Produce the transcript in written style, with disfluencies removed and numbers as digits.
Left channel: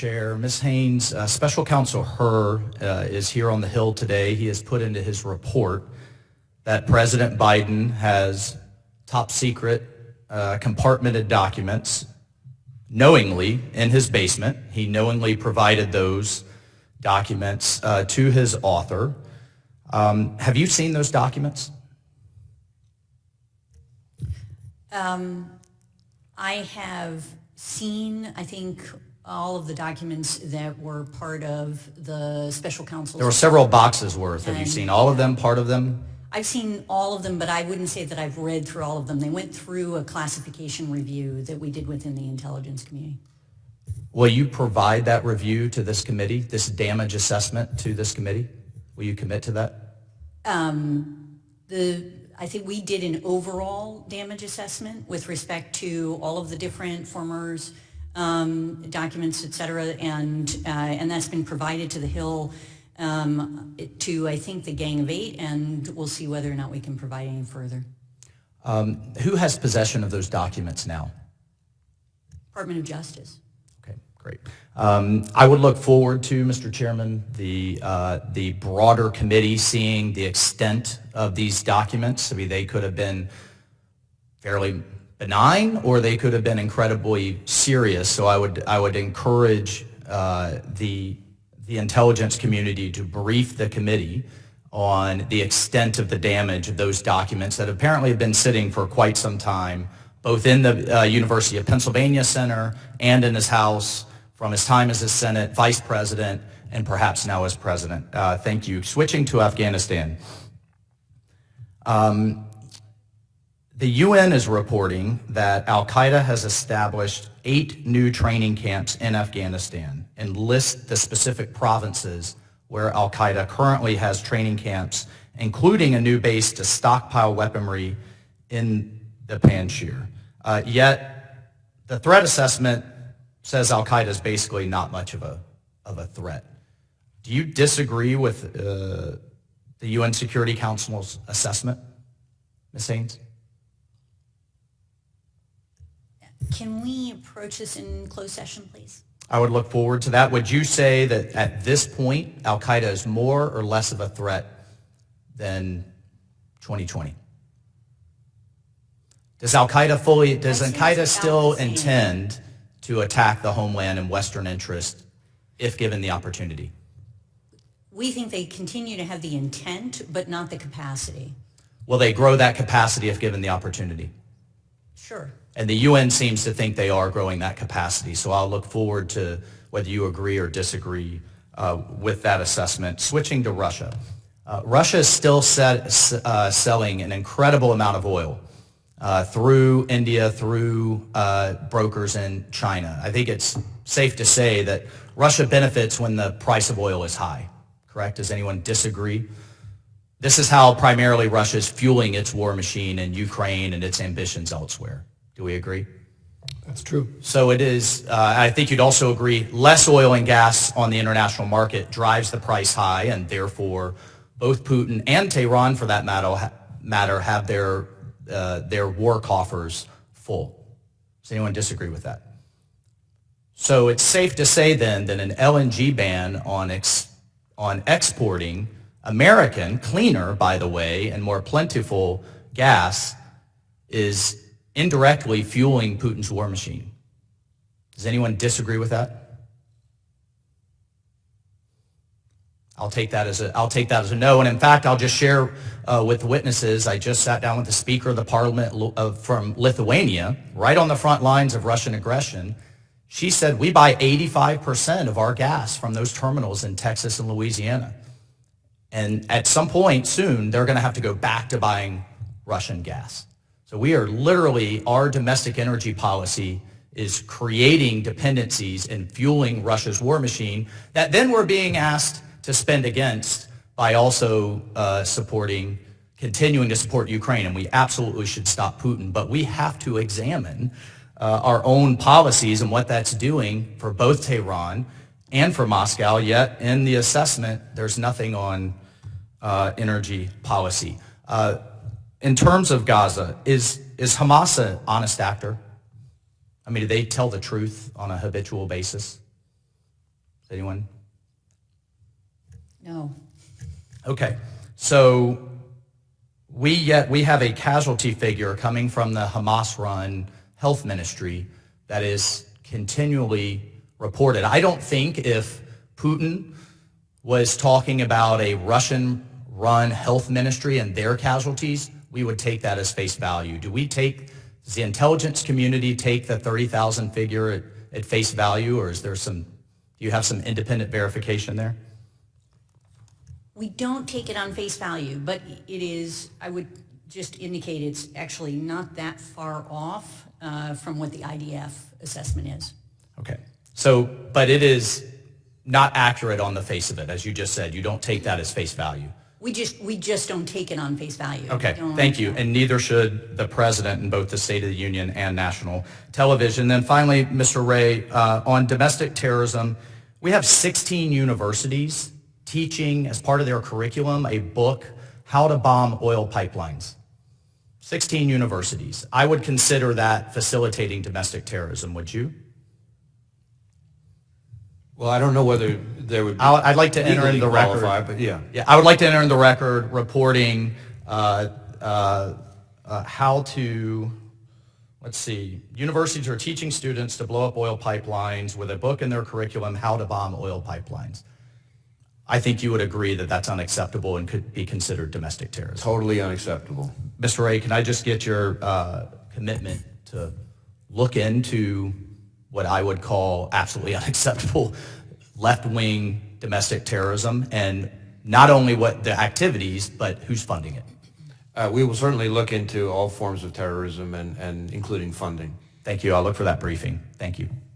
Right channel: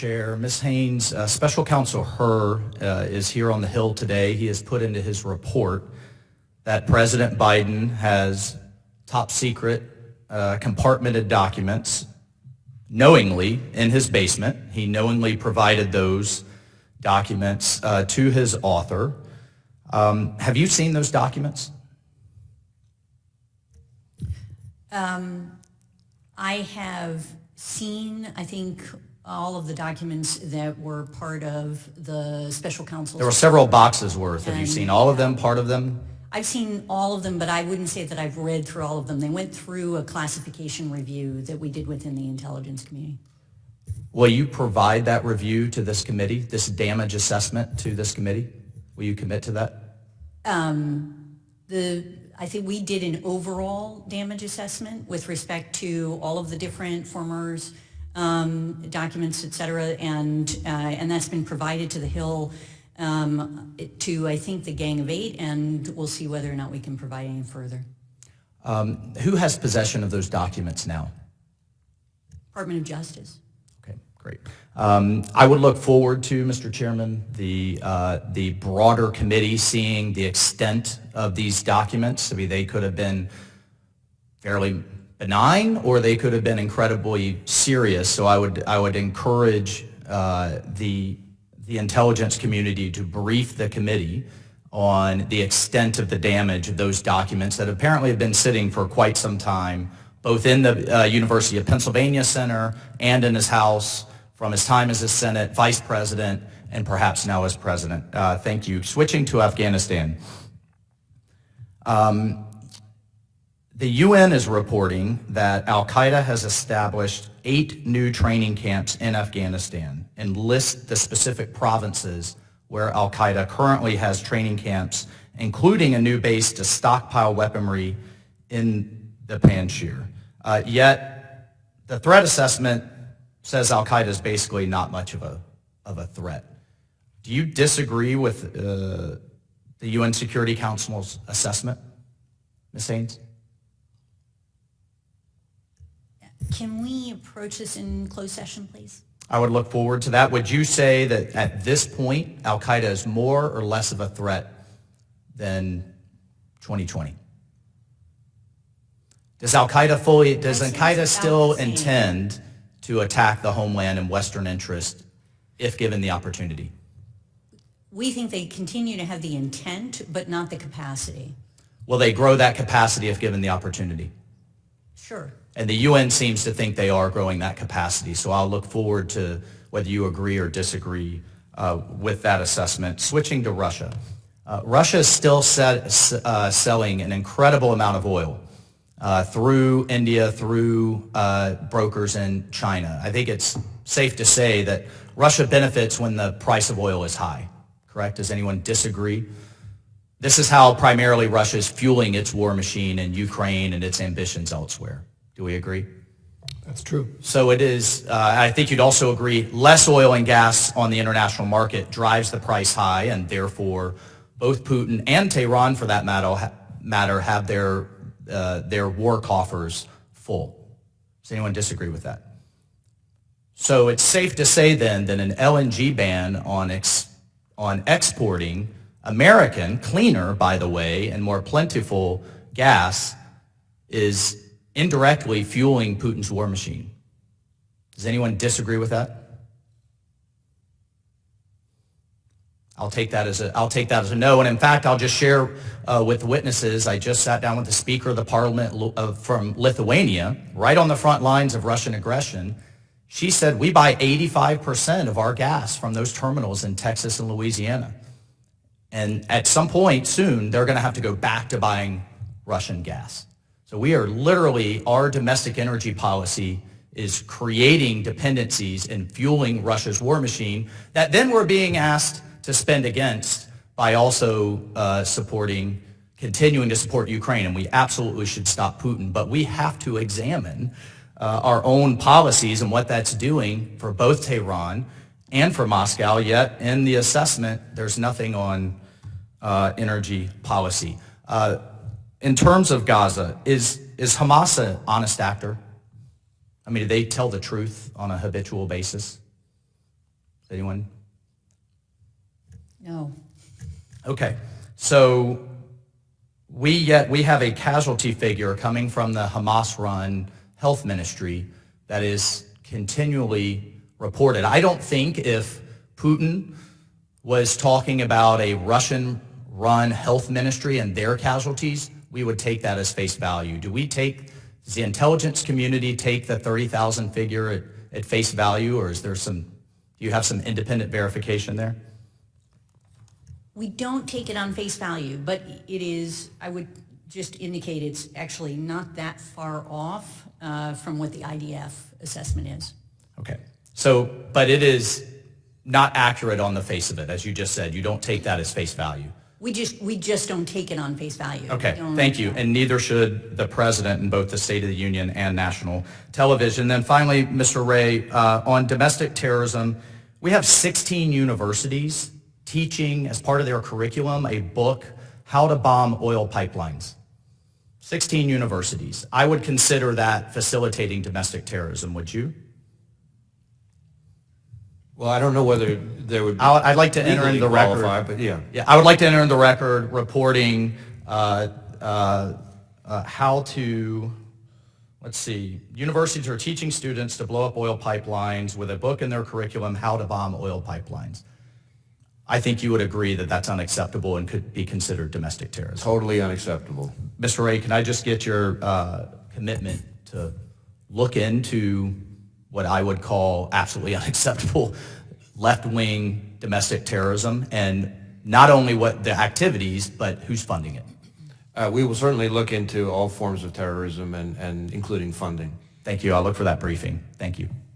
Chair. Ms. Haynes, Special Counsel Hur is here on the Hill today. He has put into his report that President Biden has top secret compartmented documents knowingly in his basement. He knowingly provided those documents to his author. Have you seen those documents? I have seen, I think, all of the documents that were part of the special counsel's. There were several boxes worth. Have you seen all of them, part of them? I've seen all of them, but I wouldn't say that I've read through all of them. They went through a classification review that we did within the intelligence community. Will you provide that review to this committee, this damage assessment to this committee? Will you commit to that? I think we did an overall damage assessment with respect to all of the different formers, documents, et cetera, and that's been provided to the Hill to, I think, the Gang of Eight, and we'll see whether or not we can provide any further. Who has possession of those documents now? Department of Justice. Okay, great. I would look forward to, Mr. Chairman, the broader committee seeing the extent of these documents. I mean, they could have been fairly benign, or they could have been incredibly serious. So I would encourage the intelligence community to brief the committee on the extent of the damage of those documents that apparently have been sitting for quite some time, both in the University of Pennsylvania Center and in his house from his time as a Senate Vice President and perhaps now as President. Thank you. Switching to Afghanistan. The UN is reporting that al-Qaeda has established 8 new training camps in Afghanistan and lists the specific provinces where al-Qaeda currently has training camps, including a new base to stockpile weaponry in the Panjshir. Yet the threat assessment says al-Qaeda is basically not much of a threat. Do you disagree with the UN Security Council's assessment, Ms. Haynes? Can we approach this in closed session, please? I would look forward to that. Would you say that at this point, al-Qaeda is more or less of a threat than 2020? Does al-Qaeda still intend to attack the homeland and Western interest if given the opportunity? We think they continue to have the intent, but not the capacity. Will they grow that capacity if given the opportunity? Sure. And the UN seems to think they are growing that capacity. So I'll look forward to whether you agree or disagree with that assessment. Switching to Russia. Russia is still selling an incredible amount of oil through India, through brokers in China. I think it's safe to say that Russia benefits when the price of oil is high, correct? Does anyone disagree? This is how primarily Russia is fueling its war machine in Ukraine and its ambitions elsewhere. Do we agree? That's true. So it is, I think you'd also agree, less oil and gas on the international market drives the price high, and therefore both Putin and Tehran, for that matter, have their war coffers full. Does anyone disagree with that? So it's safe to say then that an LNG ban on exporting American, cleaner, by the way, and more plentiful gas is indirectly fueling Putin's war machine. Does anyone disagree with that? I'll take that as a no. And in fact, I'll just share with witnesses, I just sat down with the Speaker of the Parliament from Lithuania, right on the front lines of Russian aggression. She said, we buy 85% of our gas from those terminals in Texas and Louisiana. And at some point soon, they're going to have to go back to buying Russian gas. So we are literally, our domestic energy policy is creating dependencies and fueling Russia's war machine that then we're being asked to spend against by also continuing to support Ukraine. And we absolutely should stop Putin. But we have to examine our own policies and what that's doing for both Tehran and for Moscow. Yet in the assessment, there's nothing on energy policy. In terms of Gaza, is Hamas an honest actor? I mean, do they tell the truth on a habitual basis? Anyone? No. Okay, so we have a casualty figure coming from the Hamas-run health ministry that is continually reported. I don't think if Putin was talking about a Russian-run health ministry and their casualties, we would take that as face value. Does the intelligence community take the 30,000 figure at face value, or do you have some independent verification there? We don't take it on face value, but it is, I would just indicate it's actually not that far off from what the IDF assessment is. Okay. So, but it is not accurate on the face of it, as you just said. You don't take that as face value. We just don't take it on face value. Okay, thank you. And neither should the president in both the State of the Union and national television. Then finally, Mr. Ray, on domestic terrorism, we have 16 universities teaching as part of their curriculum a book, How to Bomb Oil Pipelines. 16 universities. I would consider that facilitating domestic terrorism, would you? Well, I don't know whether there would be I'd like to enter into the record. But yeah. Yeah, I would like to enter in the record reporting how to, let's see, universities are teaching students to blow up oil pipelines with a book in their curriculum, How to Bomb Oil Pipelines. I think you would agree that that's unacceptable and could be considered domestic terrorism. Totally unacceptable. Mr. Ray, can I just get your commitment to look into what I would call absolutely unacceptable left-wing domestic terrorism, and not only what the activities, but who's funding it? We will certainly look into all forms of terrorism and including funding. Thank you. I'll look for that briefing. Thank you.